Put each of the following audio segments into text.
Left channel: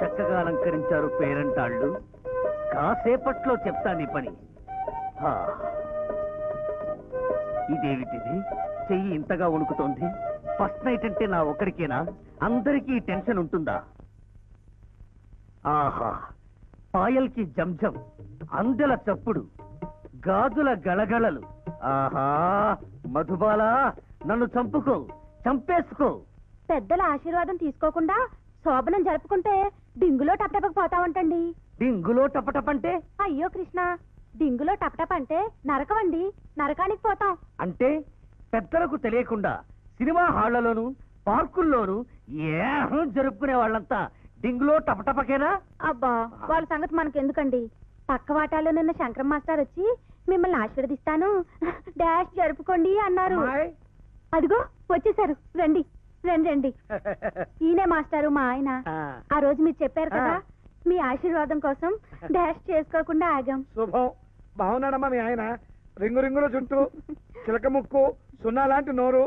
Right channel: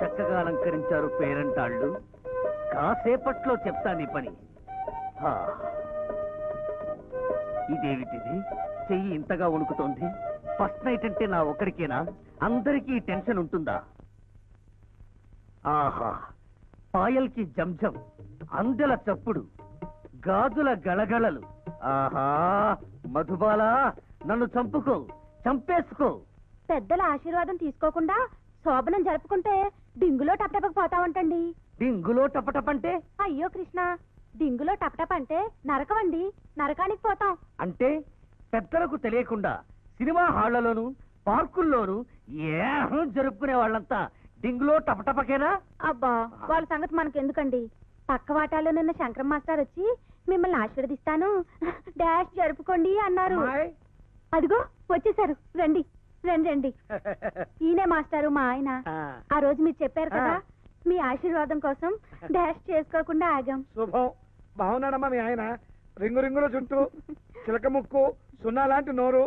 చక్కగా అలంకరించారు పేరంటాళ్ళు. కాసేపట్లో చెప్తా నీ పని. ఇదేమిటిది? చెయ్యి ఇంతగా వణుకుతోంది. ఫస్ట్ నైట్ అంటే నా ఒక్కడికేనా? అందరికీ టెన్షన్ ఉంటుందా? ఆహా, పాయల్కి జంజం, అందెల చప్పుడు, గాజుల గళగళలు. ఆహా, మధుబాల, నన్ను చంపుకో, చంపేసుకో. పెద్దల ఆశీర్వాదం తీసుకోకుండా శోభనం జరుపుకుంటే డింగులో టపటపకు పోతావంటండి. డింగులో టపటపంటే? అయ్యో కృష్ణ, డింగులో టపటప అంటే నరకమండి, నరకానికి పోతాం. అంటే పెద్దలకు తెలియకుండా సినిమా హాళ్లలోను పార్కుల్లోనూ ఏహం జరుపుకునే వాళ్ళంతా డింగులో టపటపకేనా? అబ్బా, వాళ్ళ సంగతి మనకెందుకండి. పక్క వాటాలో నిన్న శంకరం మాస్టర్ వచ్చి మిమ్మల్ని ఆశీర్వదిస్తాను, డాష్ జరుపుకోండి అన్నారు. అదిగో వచ్చేసారు, రండి రండి రండి. ఈయనే మాస్టారు, మా ఆయన. ఆ రోజు మీరు చెప్పారు కదా, మీ ఆశీర్వాదం కోసం డాష్ చేసుకోకుండా ఆగాం. శుభం. బాగున్నాడమ్మా మీ ఆయన. రింగు రింగుల చుట్టూ, చిలక ముక్కు, సున్నా లాంటి నోరు.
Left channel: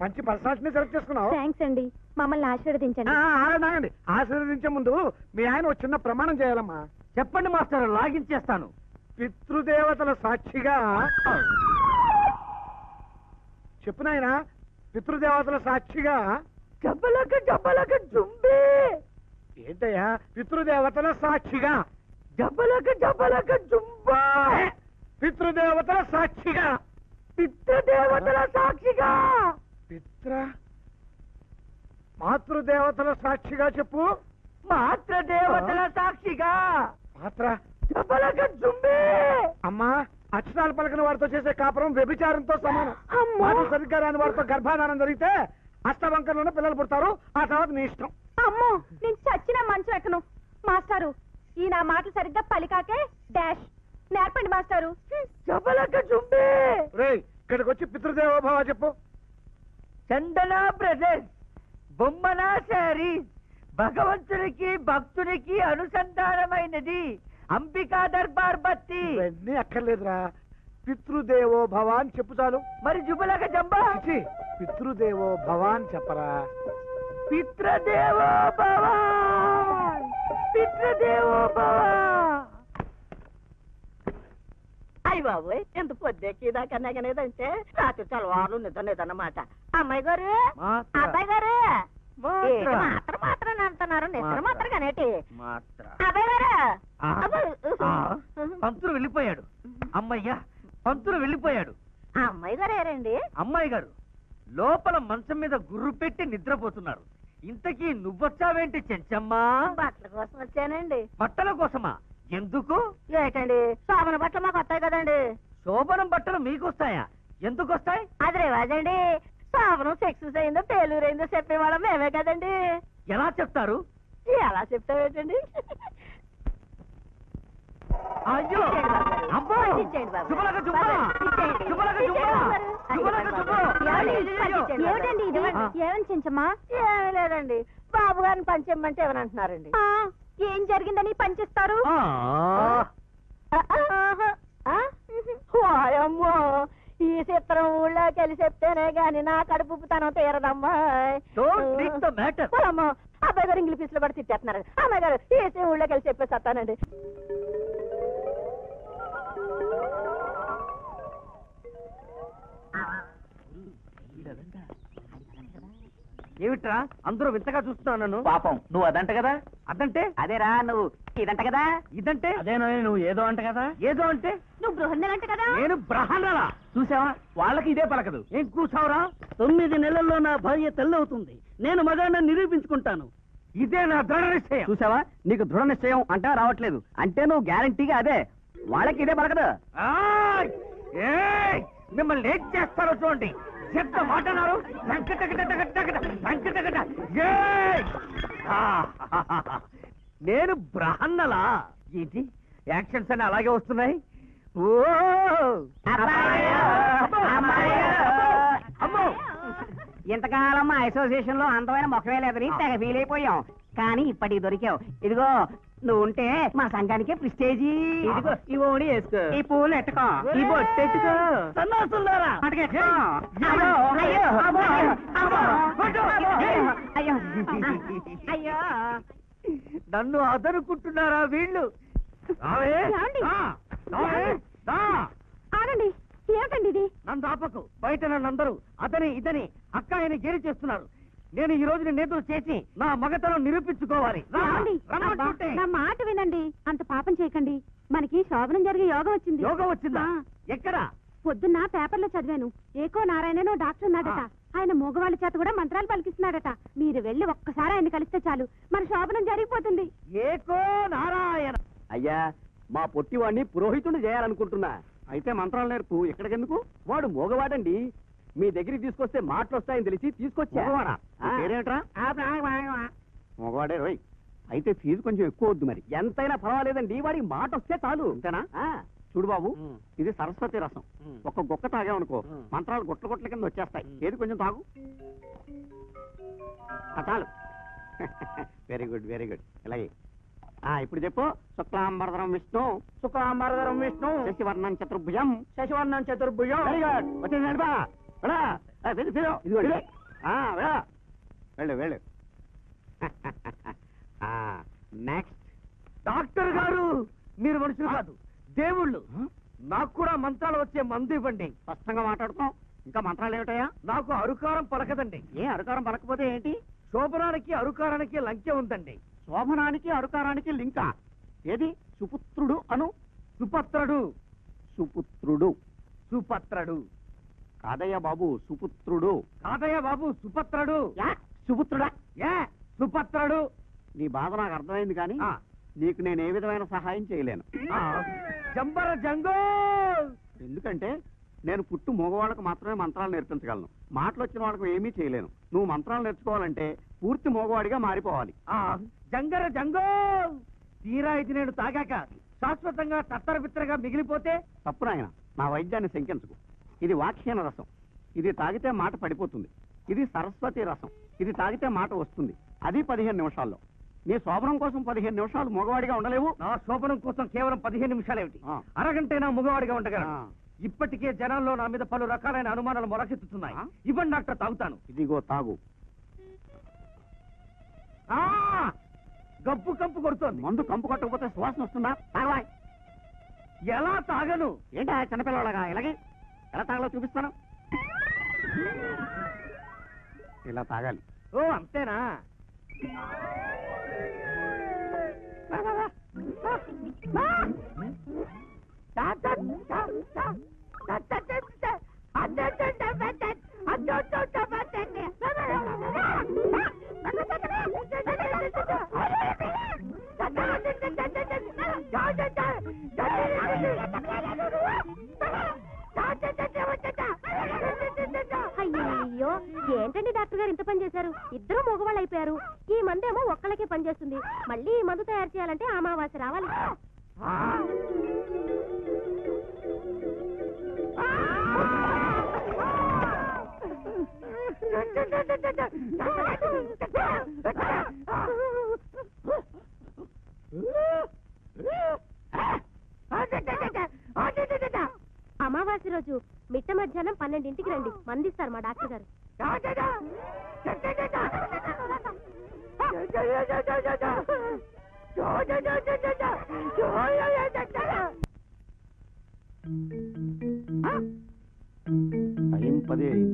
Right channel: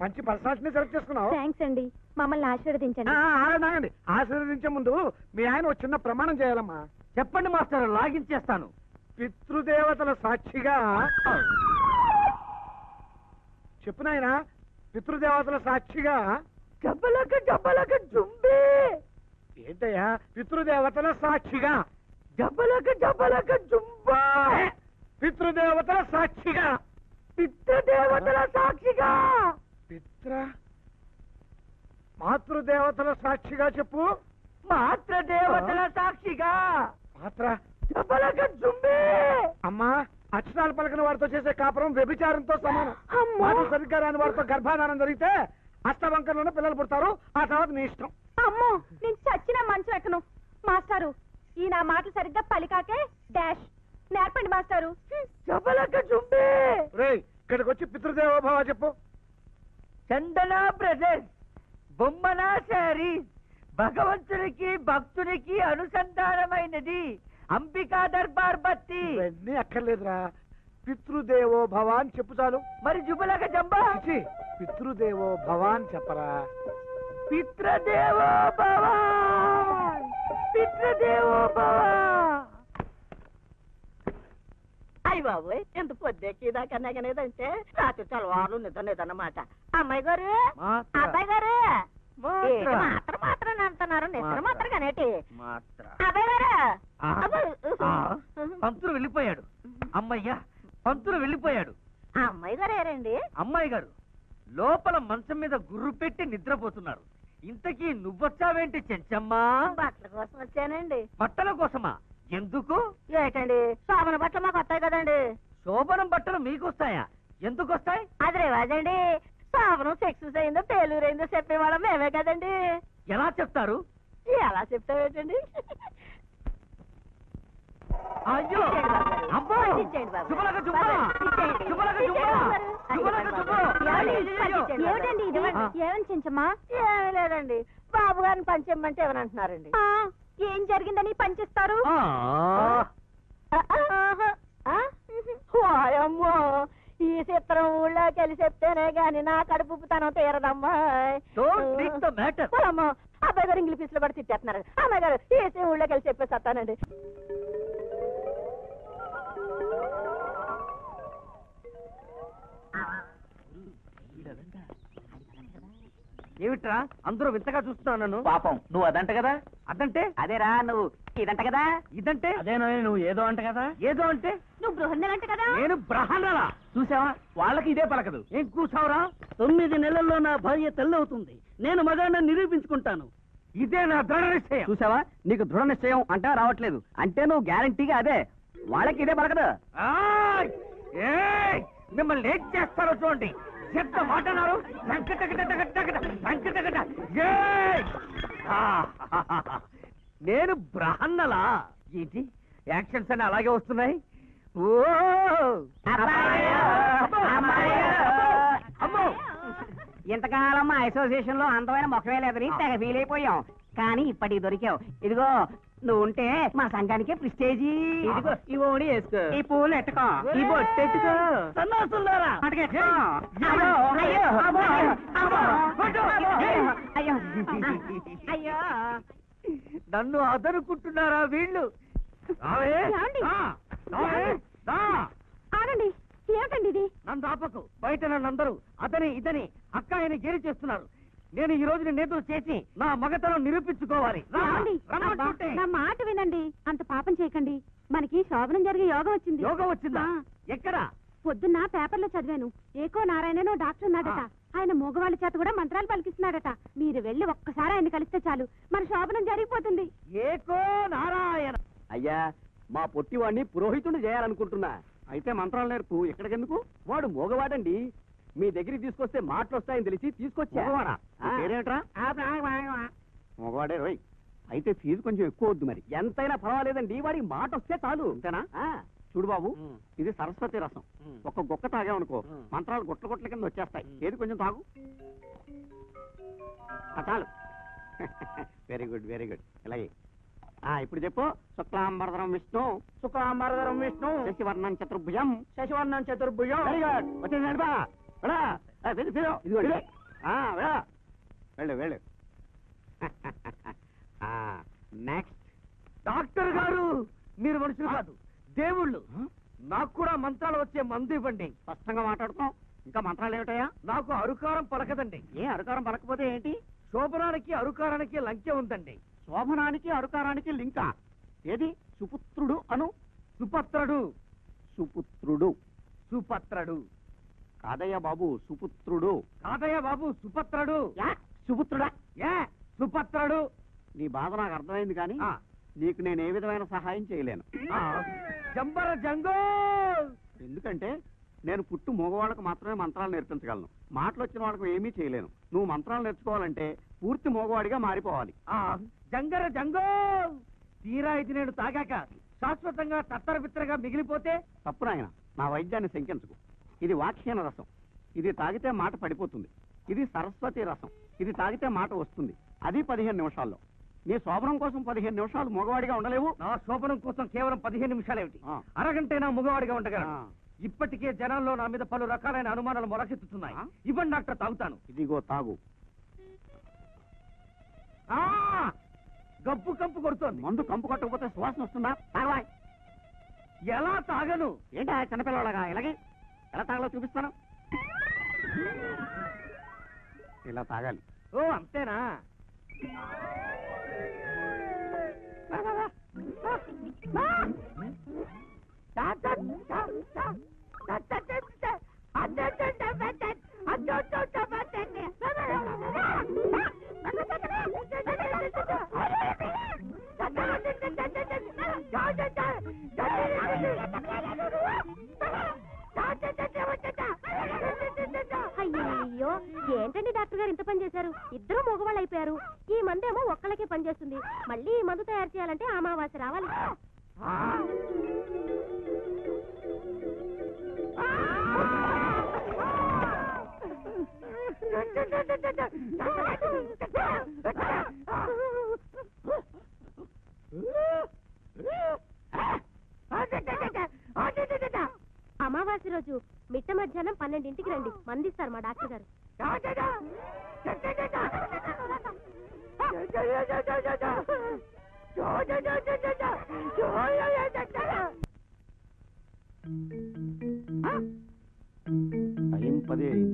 మంచి పర్సనాలిటీని సెలెక్ట్ చేసుకున్నావు. థ్యాంక్స్ అండి, మమ్మల్ని ఆశీర్వదించండి. ఆగండి, ఆశీర్వదించే ముందు మీ ఆయన ఒక చిన్న ప్రమాణం చేయాలమ్మా. చెప్పండి మాస్టర్, లాగించేస్తాను. పితృదేవతల సాక్షిగా చెప్పు నాయనా. పితృదేవతల సాక్షిగా జబ్బలక జబ్బలక జుంబే. ఏంటయ్యా? పితృదేవతల సాక్షిగా జబ్బలక జబ్బలక జుంబా. పితృదేవతల సాక్షిగా, పితృదేవతల సాక్షిగా, మాతృదేవతల సాక్షిగా చెప్పు. మాతృదేవతల సాక్షిగా. మాత్ర జబ్బలక జుంబే. అమ్మా, అక్షరాలు పలకని వారితో చేసే కాపురం వ్యభిచారంతో సమానం. మాటలు సరిగ్గా రాని వారితో గర్భాధానం జరిగితే అష్టవంకరలోనే పిల్లలు పుడతారు. ఆ తర్వాత నీ ఇష్టం. అమ్మో, నేను చచ్చిన మనసు ఎక్కను. మాస్టారు, ఈ నా మాటలు సరిగ్గా పలికాకే డాష్ నేర్పండి మాస్టారు. జబ్బలక జుంబే. రేయ్, ఇక్కడికి వచ్చి పితృదేవోభవ చెప్పు. చందన బ్రదర్స్, బొమ్మన శారీస్, భగవంతునికి భక్తునికి అనుసంధానమైనది. అంబికా దర్బార్ బత్తి. ఇవన్నీ అక్కర్లేదురా, పితృదేవో భవ అని చెప్పు చాలు. మరి జుబలక జంబా. పితృదేవో భవ అని చెప్పరా. పితృదేవో భవ, పితృదేవో భవ. అయ్య బాబు, ఎంత పొద్దుకి దాకనేదంటే రాత్రి చలవారు నిద్రలేదన్నమాట. అమ్మాయి గారు, అబ్బాయి గారు మాత్రం అంటున్నారు. నిద్ర మాత్రం కనేటి అబ్బాయి గారు. పంతులు వెళ్ళిపోయాడు. అమ్మయ్యా, పంతులు వెళ్ళిపోయాడు. అమ్మాయి గారు ఏరండి? అమ్మాయి గారు లోపల మంచం మీద గుర్రు పెట్టి నిద్రపోతున్నారు. ఇంతకీ నువ్వొచ్చావేంటి చెంచమ్మా? బట్టల కోసం వచ్చానండి. బట్టల కోసమా? ఎందుకు? ఏంటండి, శోభన బట్టలు మాకు వస్తాయి కదండి. శోభనం బట్టలు మీకు వస్తాయా? ఎందుకు వస్తాయి? అది రివాజండి. శోభనం సక్సెస్ అయిందో ఫెయిల్యూర్ అయిందో చెప్పేవాళ్ళం మేమే కదండి. ఎలా చెప్తారు? ఎలా చెప్తావేంటండి? అయ్యో, ఏమిటండి ఇది? ఏమని చెంచమ్మా? ఏమీ లేదండి, బాబు గారిని పంచేయమంటే ఎవరంటున్నారండి. ఏం జరిగిందని పనిచేస్తారు? అమ్మో, ఈ చిత్రం ఊళ్ళోకి వెళ్ళి చెప్తేనే గాని నా కడుపు తనం తీరదమ్మా. అబ్బాయి గారు ఇంగ్లీష్ పీసులో కూడా తిట్టేస్తున్నారు. అమ్మాయి గారు ఈ ఊళ్ళోకి వెళ్ళి చెప్పేస్తానండి. ఏమిట్రా అందరూ వింతగా చూస్తున్నావు నన్ను? పాపం, నువ్వు అదంట కదా. అదంటే? అదేరా, నువ్వు ఇదంట కదా. ఇదంటే? అదేనో, నువ్వు ఏదో అంట కదా. ఏదో అంటే? నువ్వు బృహన్నలంట కదా. నేను బ్రహ్మణలా? చూసావా, వాళ్ళకి ఇదే పలకదు. ఏం కూర్చావురా? 9 నెలల్లో నా భార్య తెల్లవుతుంది. నేను మగాడిని నిరూపించుకుంటాను. ఇదే నా దృఢ నిశ్చయం. చూసావా, నీకు దృఢ నిశ్చయం అంటా రావట్లేదు. అంటే నువ్వు గ్యారంటీగా అదే. వాళ్ళకి ఇదే పలకదు. మిమ్మల్ని ఏం చేస్తారో చూడండి. ఎంత మాటన్నారు? నేను బ్రహ్మణలా? ఏంటి యాక్షన్స్ అని అలాగే వస్తున్నాయి? ఓ అమ్మో, ఇంతకాలం మా అసోసియేషన్ లో అందమైన మొక్కమే లేదని తెగ ఫీల్ అయిపోయాం. కానీ ఇప్పటికి దొరికావు. ఇదిగో, నువ్వు ఉంటే మా సంఘానికే ప్రిస్టేజీ. ఇదిగో, ఈ ఓడి వేసుకో, ఈ పూలు ఎట్టుకో, ఈ బొట్టు ఎట్టుకో. సన్నాసులారా, అయ్యో అయ్యో. నన్ను అదనుకుంటున్నారా వీళ్ళు? ఏమండి? ఆగండి, ఏమిటండి ఇది? నన్ను ఆపకు. బయట నన్నందరూ అతని ఇతని అక్కాయని గేలి చేస్తున్నారు. నేను ఈ రోజు నేతలు చేసి నా మగతనం నిరూపించుకోవాలి. ఏమండి? నా మాట వినండి, అంత పాపం చేయకండి. మనకి శోభనం జరిగే యోగం వచ్చింది. యోగం వచ్చిందా? ఆ. ఎక్కడ? పొద్దున్న పేపర్లో చదివాను. ఏకో నారాయణనో డాక్టర్ ఉన్నాడట. ఆయన మూగవాళ్ళ చేత కూడా మంత్రాలు పలికిస్తున్నాడట. మీరు వెళ్ళి ఒక్కసారి ఆయన కలిస్తే చాలు, మన శోభనం జరిగిపోతుంది. ఏకో నారాయణ. అయ్యా, మా పొట్టివాడిని పురోహితుడు చేయాలనుకుంటున్నా. అయితే మంత్రాలు నేర్పు. ఎక్కడికెందుకు? వాడు మోగవాడండి. మీ దగ్గరికి తీసుకొస్తే మాటలు వస్తాయని తెలిసి తీసుకొచ్చా. మగవాడా? ఆ. పేరేంట్రా? మగవాడే రోయ్. అయితే ఫీజు కొంచెం ఎక్కువ వద్దు మరి. ఎంతైనా పర్వాలేదండి, వాడికి మాట వస్తే చాలు. అంతేనా? చూడు బాబు, ఇది సరస్వతి రసం. ఒక గుక్క తాగామనుకో, మంత్రాలు గుట్ల గుట్ల కింద వచ్చేస్తాయి. ఏది కొంచెం తాగు. చాలు. Very good, very good. ఇలాగే ఇప్పుడు చెప్పు. శుక్లాంబరధరం విష్ణు, శుక్లాంబరధరం విష్ణు, శశివర్ణం చతుర్భుజం, శశివర్ణం చతుర్భుజం. Very good. వచ్చేసి నడిపా. వెళ్ళు వెళ్ళు. నెక్స్ట్. డాక్టర్ గారు, మీరు మనుషులు కాదు, దేవుళ్ళు. నాకు కూడా మంత్రాలు వచ్చే మందు ఇవ్వండి. స్పష్టంగా మాట్లాడుతాం. ఇంకా మంత్రాలు ఏమిటయా? నాకు అరుకారం పలకదండి. ఏ అరుకారం పలకపోతే ఏంటి? శోభనానికి అరుకారానికి లంకె ఉందండి. శోభనానికి అరుకారానికి లింకా? ఏది? సుపుత్రుడు అను. సుపత్రుడు. సుపుత్రుడు. సుపత్రుడు కాదయ్య బాబు, సుపుత్రుడు. కాదయ్య బాబు, సుపత్రుడు. సుపుత్రుడా? సుపత్రుడు. నీ బాధ నాకు అర్థమైంది, కానీ ఆ. నీకు నేను ఏ విధమైన సహాయం చేయలేను. జంబర జంగో. ఎందుకంటే నేను పుట్టు మగవాళ్ళకు మాత్రమే మంత్రాలు నేర్పించగలను. మాటలు వచ్చిన వాళ్ళకు ఏమీ చేయలేను. నువ్వు మంత్రాలు నేర్చుకోవాలంటే పూర్తి మగవాడిగా మారిపోవాలి. జంగర జంగో. తీరా ఇది నేను తాగాక శాశ్వతంగా తత్తర బిత్తరగా మిగిలిపోతే? తప్పు నాయన, నా వైద్యాన్ని శంకించకు. ఇది వాక్యన రసం. ఇది తాగితే మాట పడిపోతుంది. ఇది సరస్వతి రసం. ఇది తాగితే మాట వస్తుంది. అది 15 నిమిషాల్లో. నీ శోభనం కోసం 15 నిమిషాలు మగవాడిగా ఉండలేవు. నా శోభనం కోసం కేవలం 15 నిమిషాలేమిటి, ఆ. అరగంటైనా మగవాడిగా ఉండగలను. ఆ. ఇప్పటికే జనాల్లో నా మీద పలు రకాలైన అనుమానాలు మొలకెత్తుతున్నాయి. ఇవ్వండి డాక్టర్, తాగుతాను. ఇదిగో తాగు. గప్పు కంపు కొడుతోంది. మందు కంపు కొట్టకపోతే సువాసన వస్తుందా? తాగవాయ్. ఎలా తాగను? ఏంటా చిన్నపిల్లలాగా? ఇలాగే ఎలా తాగలో చూపిస్తాను. ఇలా తాగాలి. ఓ అంతేనా? అయ్యో, ఏంటండి డాక్టర్ గారు ఇంత పని చేశారు? ఇద్దరు మగవాళ్ళు అయిపోయారు. ఈ మందేమో ఒక్కళ్ళకే పని చేస్తుంది. మళ్ళీ ఈ మందు తయారు చేయాలంటే అమావాస్య రావాలి. అమావాస్య రోజు మిట్ట మధ్యాహ్నం 12ంటికి రండి, మందిస్తారు మా డాక్టర్ గారు. టైం 10 అయింది.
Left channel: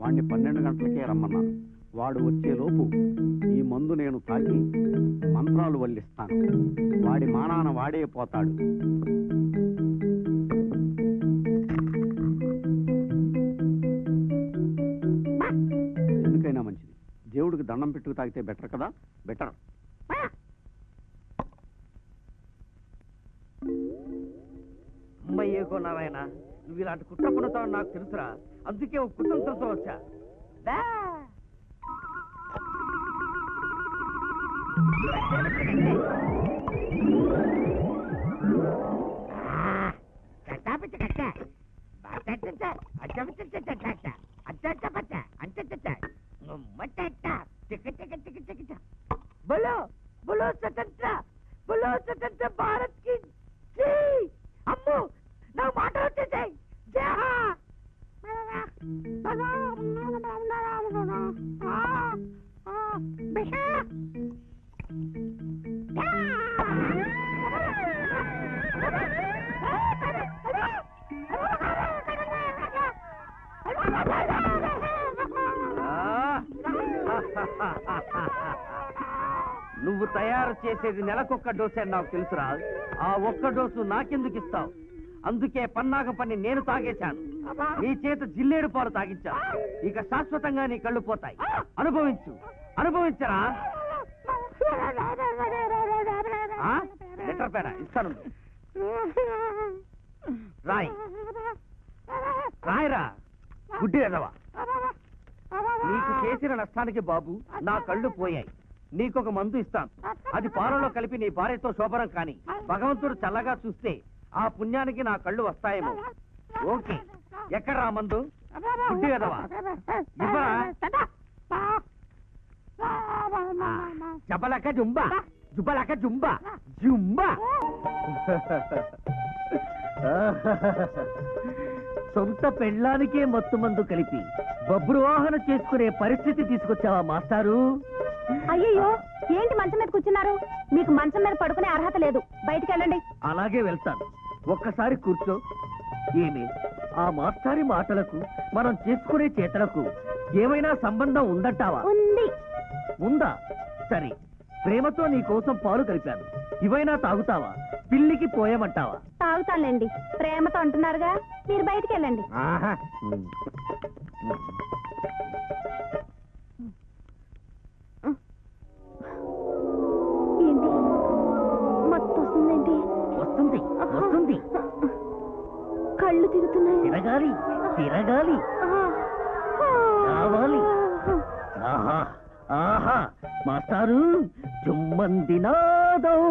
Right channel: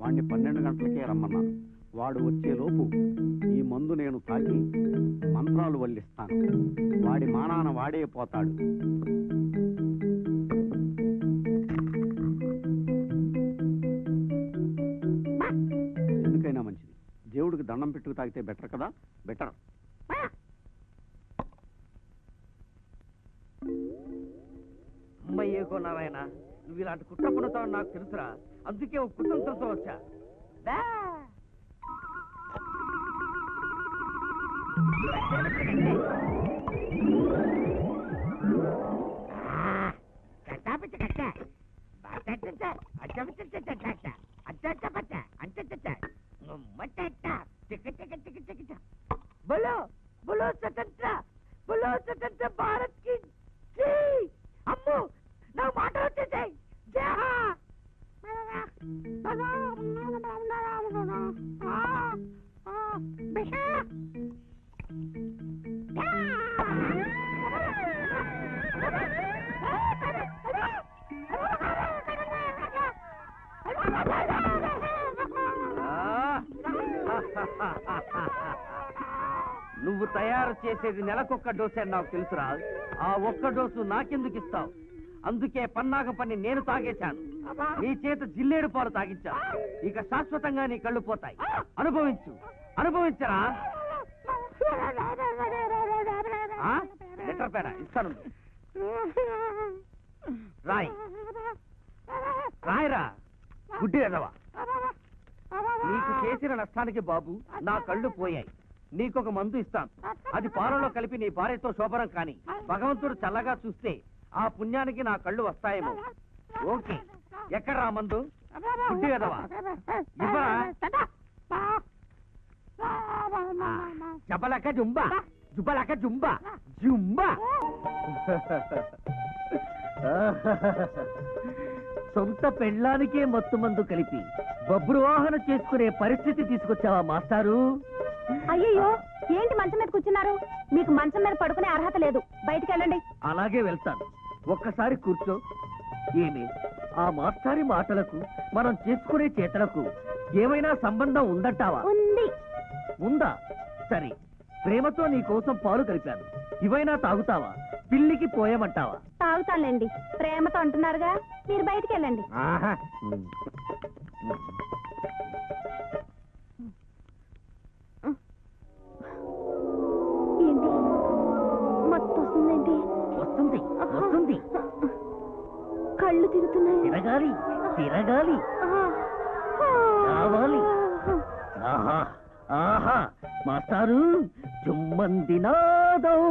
వాడిని 12 గంటలకే రమ్మన్నాను. వాడు వచ్చేలోపు ఈ మందు నేను తాగి మంత్రాలు వల్లిస్తాను. వాడి మానాన వాడే పోతాడు. ఎందుకైనా మంచిది, దేవుడికి దండం పెట్టుకు తాగితే బెటర్ కదా. బెటర్. అమ్మయ్యేకో నారాయణ, నువ్వు ఇలాంటి కుట్ర పడుతావు నాకు తెలుసురా. అందుకే ఒక కుట్రంతో వచ్చా. बोलो बोलो स्वतंत्र भारत की जय. అమ్ము నా మాట వచ్చేసాయి. నువ్వు తయారు చేసేది నెలకొక్క డోసే అని నాకు తెలుసురా. ఆ ఒక్క డోసు నాకెందుకు ఇస్తావు? అందుకే పన్నాగ పని నేను తాగేశాను. నీ చేత జిల్లేడు పాలు తాగించాను. ఇక శాశ్వతంగా నీ కళ్ళు పోతాయి. అనుభవించు, అనుభవించరా. లెటర్ పేడ ఇస్తాను. రాయ్ రాయరా గుడ్డి ఎదవా. నీకు చేసిన నష్టానికి బాబు నా కళ్ళు పోయాయి. నీకొక మందు ఇస్తాను. అది పాలలో కలిపి నీ భార్యతో శోభనం కాని. భగవంతుడు చల్లగా చూస్తే ఆ పుణ్యానికి నా కళ్ళు వస్తాయేమో. ఓకే, ఎక్కడ్రా మందు? గుడ్డి ఎదవా ఇవ్వరా. జబలక జుంబా, జుబలక జుంబా, జుంబా. సొంత పెళ్ళానికే మత్తు మందు కలిపి బబ్రువాహన చేసుకునే పరిస్థితి తీసుకొచ్చావా మాస్టారు? అయ్యయ్యో, ఏంటి మంచం మీద కూర్చున్నారు? మీకు మంచం మీద పడుకునే అర్హత లేదు. బయటికి వెళ్ళండి. అలాగే వెళ్తాను. ఒక్కసారి కూర్చో. ఏమి ఆ మాస్టారి మాటలకు మనం చేసుకునే చేతలకు ఏమైనా సంబంధం ఉందంటావా? ఉంది. ఉందా? సరే, ప్రేమతో నీ కోసం పాలు కలిపాను. ఇవైనా తాగుతావా? పిల్లికి పోయమంటావా? తాగుతానులేండి. ప్రేమతో అంటున్నారుగా, మీరు బయటికి వెళ్ళండి. ఆహా. ఏంటి మత్తు వస్తుందేంటి? వస్తుంది, వస్తుంది. కళ్ళు తిరుగుతున్నాయి. తిరగాలి, తిరగాలి, రావాలి. ఆహా, ఆహా. మాస్టారు జుమ్మందినాదం.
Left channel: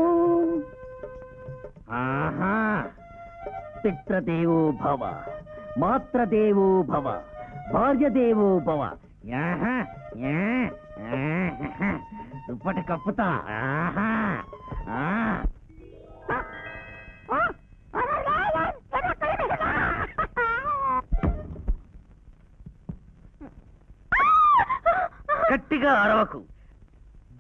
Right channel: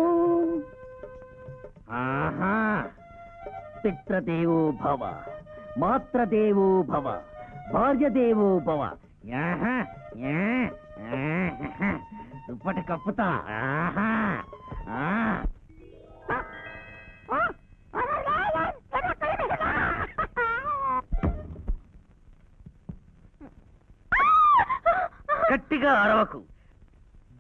ఆహా. పిత్రదేవో భవ, మాత్రదేవో భవ, భార్యదేవో భవ. ఆహా, ఆహా. దుప్పటి కప్పుతా. ఆహా. ఆ. గట్టిగా అరవకు.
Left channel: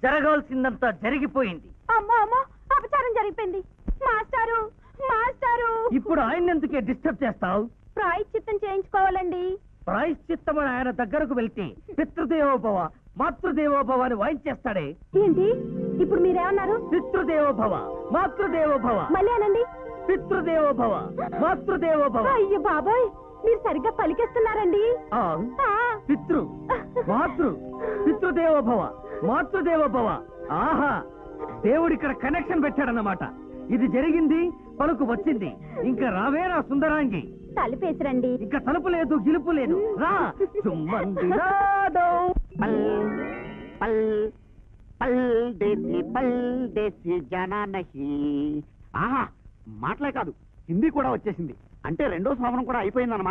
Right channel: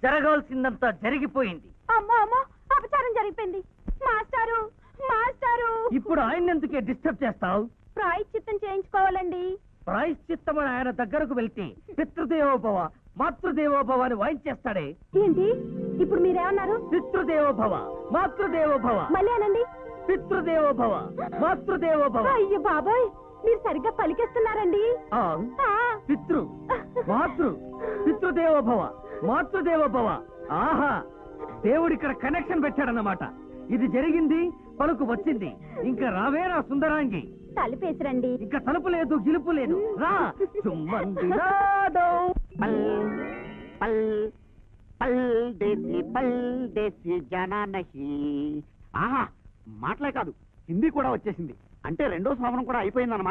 జరగాల్సిందంతా జరిగిపోయింది. అమ్మో అమ్మో, అపచారం జరిగిపోయింది. మాస్టారు, మాస్టారు. ఇప్పుడు ఆయన ఎందుకే డిస్టర్బ్ చేస్తావు? ప్రాయశ్చిత్తం చేయించుకోవాలండి. ప్రాయశ్చిత్తమని ఆయన దగ్గరకు వెళ్తే పితృదేవోభవ, మాతృదేవోభవ అని వాయించేస్తాడే. ఏంటి ఇప్పుడు మీరేమన్నారు? పితృదేవోభవ, మాతృదేవోభవ. మళ్ళీ అనండి. పితృదేవోభవ, మాతృదేవోభవ. అయ్యో బాబోయ్, మీరు సరిగ్గా పలికేస్తున్నారండి. ఆ, పితృ, మాతృ, పితృదేవోభవ, మాతృదేవోభవ. ఆహా, దేవుడిక్కడ కనెక్షన్ పెట్టాడన్నమాట. ఇది జరిగింది, పలుకు వచ్చింది. ఇంకా రావే నా సుందరాంగి. తలుపేసిరండి. ఇంకా తలుపు లేదు, గిలుపు లేదు. రా. మాటలే కాదు, హిందీ కూడా వచ్చేసింది. అంటే రెండో శ్రావణం కూడా అయిపోయిందన్నమాట.